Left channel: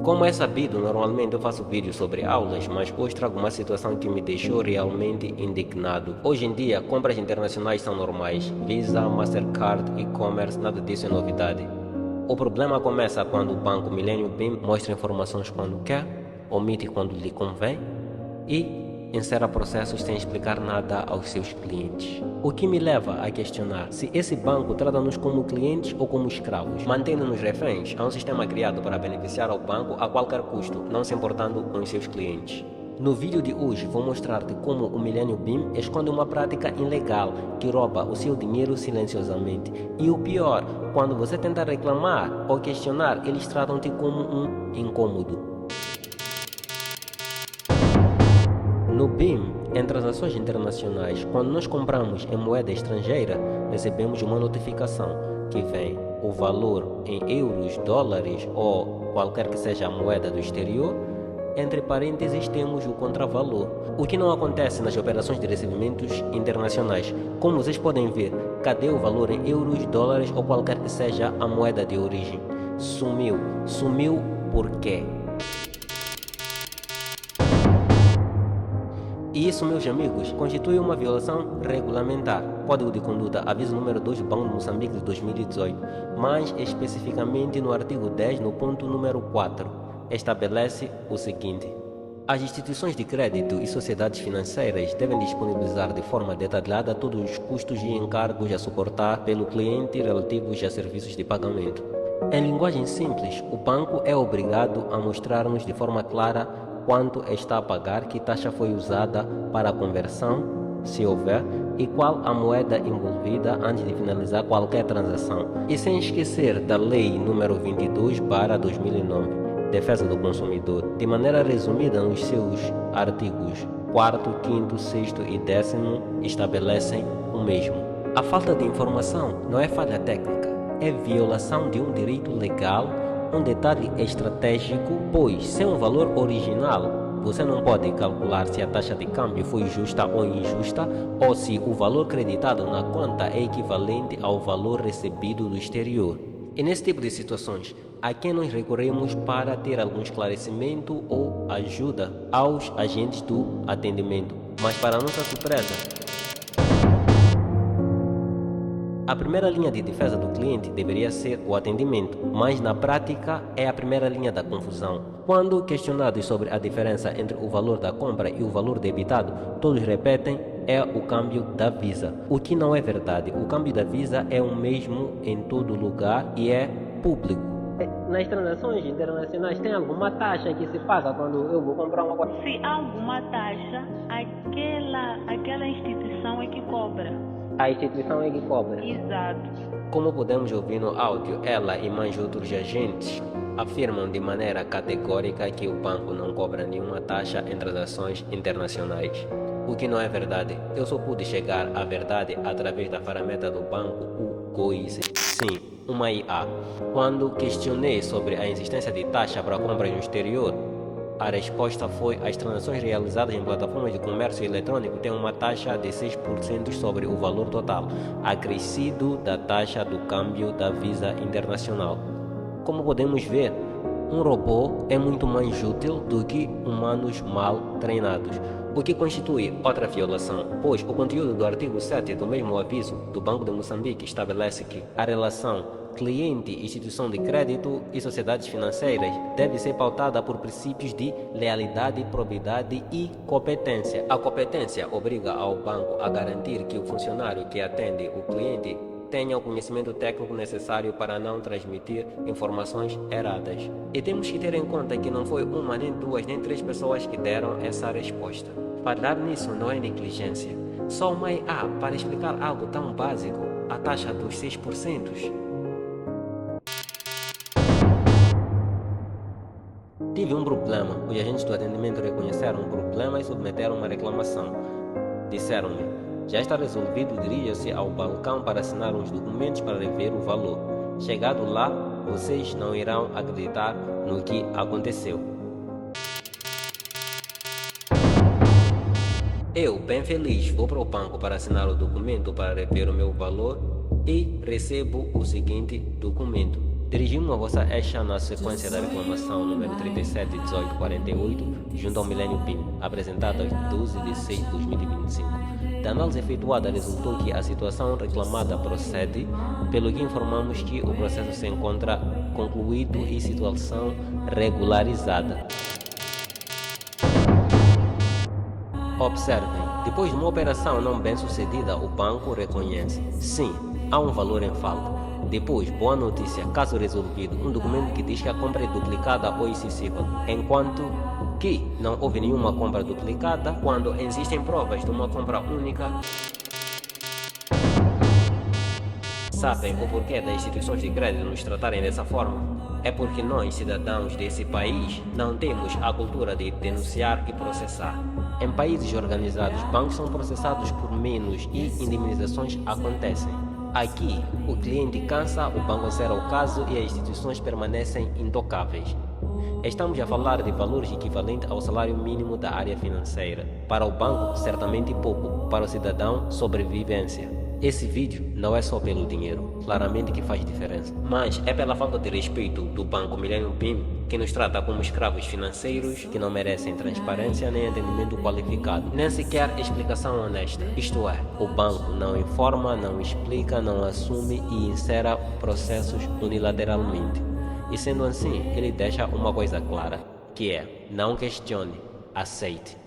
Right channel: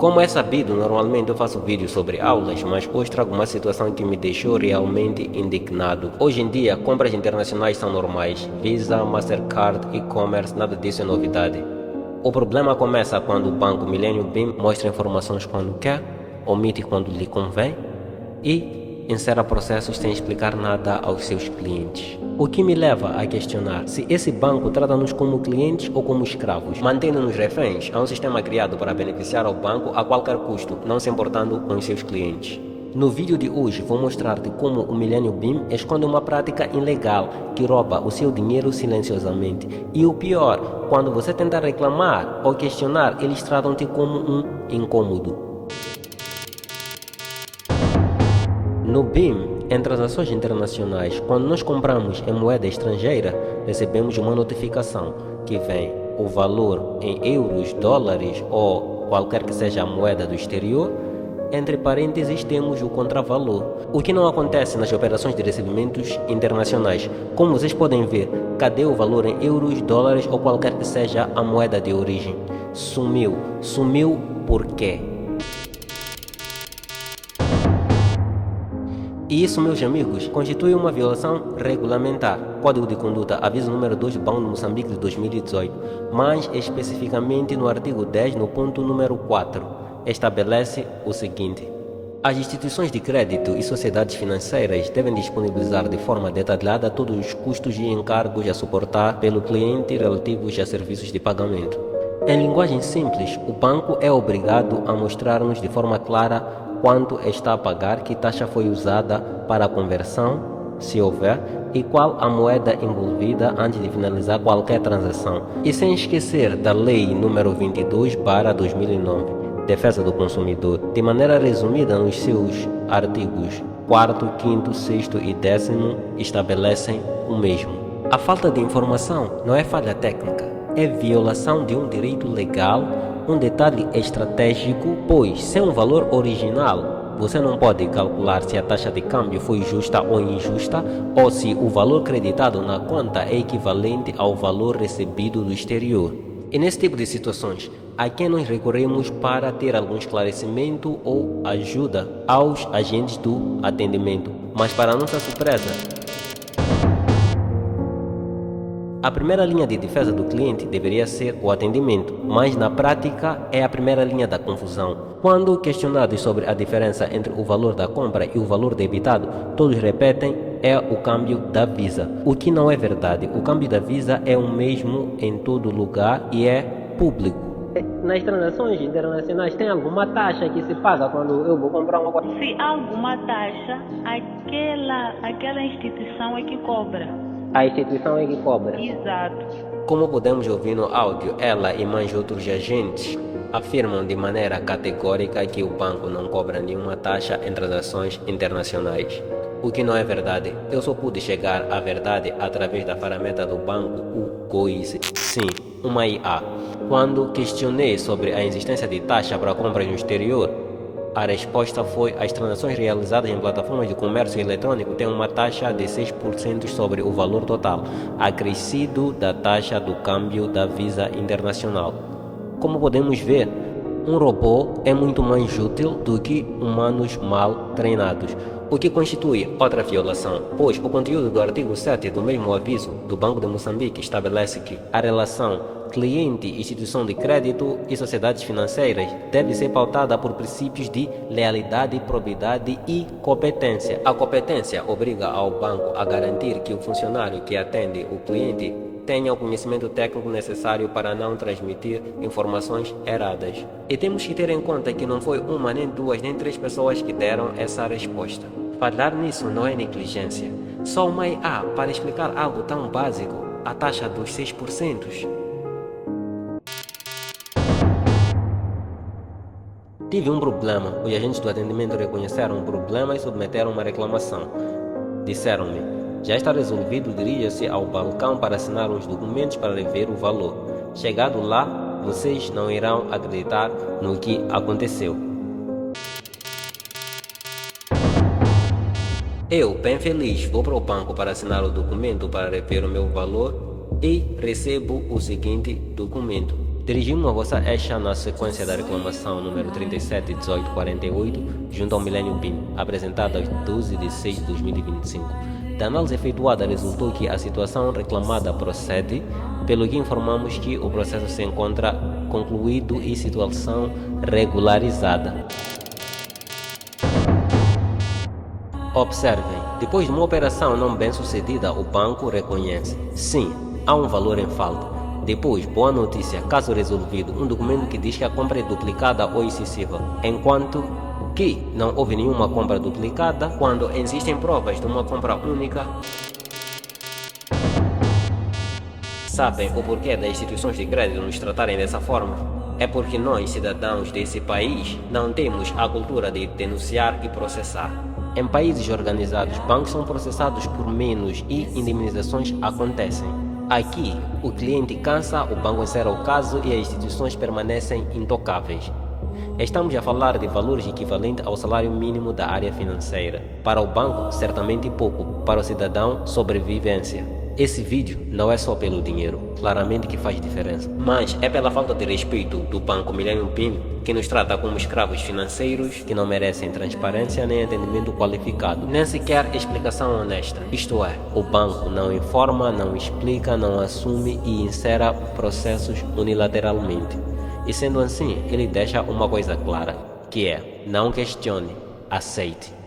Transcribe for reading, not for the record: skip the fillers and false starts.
Como é sabido, normalmente eu faço vídeos sobre aulas, mas hoje trago uma situação que me deixou realmente indignado. Hoje em dia, compras internacionais são normais. Visa, Mastercard, e-commerce, nada disso é novidade. O problema começa quando o banco Millennium Beam mostra informações quando quer, omite quando lhe convém e encerra processos sem explicar nada aos seus clientes. O que me leva a questionar se esse banco trata-nos como clientes ou como escravos, mantendo-nos reféns a um sistema criado para beneficiar ao banco a qualquer custo, não se importando com os seus clientes. No vídeo de hoje vou mostrar-te como o Millennium Beam esconde uma prática ilegal que rouba o seu dinheiro silenciosamente. E o pior, quando você tenta reclamar ou questionar, eles tratam-te como um incômodo. No BIM, em transações internacionais, quando nós compramos em moeda estrangeira, recebemos uma notificação que vem o valor em euros, dólares ou qualquer que seja a moeda do exterior. Entre parênteses temos o contravalor, o que não acontece nas operações de recebimentos internacionais. Como vocês podem ver, cadê o valor em euros, dólares ou qualquer que seja a moeda de origem? Sumiu. Sumiu por quê? E isso, meus amigos, constitui uma violação regulamentar. Código de Conduta, aviso número 2 do Banco de Moçambique de 2018, mais especificamente no artigo 10, no ponto número 4, estabelece o seguinte: as instituições de crédito e sociedades financeiras devem disponibilizar de forma detalhada todos os custos e encargos a suportar pelo cliente relativos a serviços de pagamento. Em linguagem simples, o banco é obrigado a mostrar-nos de forma clara quanto está a pagar, que taxa foi usada para a conversão, se houver, e qual a moeda envolvida antes de finalizar qualquer transação. E sem esquecer da Lei nº 22/2009, Defesa do Consumidor, de maneira resumida nos seus artigos 4º, 5º, 6º e 10º, estabelecem o mesmo. A falta de informação não é falha técnica, é violação de um direito legal, um detalhe estratégico, pois sem o valor original, você não pode calcular se a taxa de câmbio foi justa ou injusta, ou se o valor creditado na conta é equivalente ao valor recebido do exterior. E nesse tipo de situações, a quem nós recorremos para ter algum esclarecimento ou ajuda aos agentes do atendimento. Mas para nossa surpresa, a primeira linha de defesa do cliente deveria ser o atendimento, mas na prática é a primeira linha da confusão. Quando questionados sobre a diferença entre o valor da compra e o valor debitado, todos repetem é o câmbio da Visa, o que não é verdade. O câmbio da Visa é o mesmo em todo lugar e é público. Nas transações internacionais tem alguma taxa que se paga quando eu vou comprar um coisa? Se há alguma taxa, aquela instituição é que cobra. A instituição é que cobra. Exato. Como podemos ouvir no áudio, ela e mais outros agentes afirmam de maneira categórica que o banco não cobra nenhuma taxa em transações internacionais. O que não é verdade. Eu só pude chegar à verdade através da ferramenta do banco, o Goise. Sim, uma IA. Quando questionei sobre a existência de taxa para compras no exterior, a resposta foi: as transações realizadas em plataformas de comércio eletrônico têm uma taxa de 6% sobre o valor total, acrescido da taxa do câmbio da Visa Internacional. Como podemos ver, um robô é muito mais útil do que humanos mal treinados, o que constitui outra violação, pois o conteúdo do artigo 7 do mesmo aviso do Banco de Moçambique estabelece que a relação cliente, instituição de crédito e sociedades financeiras deve ser pautada por princípios de lealidade, probidade e competência. A competência obriga ao banco a garantir que o funcionário que atende o cliente tenha o conhecimento técnico necessário para não transmitir informações erradas. E temos que ter em conta que não foi uma, nem duas, nem três pessoas que deram essa resposta. Falhar nisso não é negligência. Só uma IA para explicar algo tão básico, a taxa dos 6%. Tive um problema, os agentes do atendimento reconheceram o problema e submeteram uma reclamação. Disseram-me: já está resolvido, dirija-se ao balcão para assinar os documentos para rever o valor. Chegado lá, vocês não irão acreditar no que aconteceu. Eu, bem feliz, vou para o banco para assinar o documento para rever o meu valor e recebo o seguinte documento: Dirigindo a vossa Eixa na sequência da reclamação número 371848, junto ao Millennium PIN, apresentada em 12 de 6 de 2025. Da análise efetuada resultou que a situação reclamada procede, pelo que informamos que o processo se encontra concluído e situação regularizada. Observem, depois de uma operação não bem sucedida, o banco reconhece: sim, há um valor em falta. Depois, boa notícia, caso resolvido, um documento que diz que a compra é duplicada ou excessiva, enquanto que não houve nenhuma compra duplicada quando existem provas de uma compra única. Sabem o porquê das instituições de crédito nos tratarem dessa forma? É porque nós, cidadãos desse país, não temos a cultura de denunciar e processar. Em países organizados, bancos são processados por menos e indemnizações acontecem. Aqui, o cliente cansa, o banco encerra o caso e as instituições permanecem intocáveis. Estamos a falar de valores equivalentes ao salário mínimo da área financeira. Para o banco, certamente pouco. Para o cidadão, sobrevivência. Esse vídeo não é só pelo dinheiro, claramente que faz diferença, mas é pela falta de respeito do Banco Millennium PIN, que nos trata como escravos financeiros que não merecem transparência nem entendimento qualificado, nem sequer explicação honesta. Isto é, o banco não informa, não explica, não assume e encerra processos unilateralmente. E sendo assim, ele deixa uma coisa clara, que é: não questione, aceite.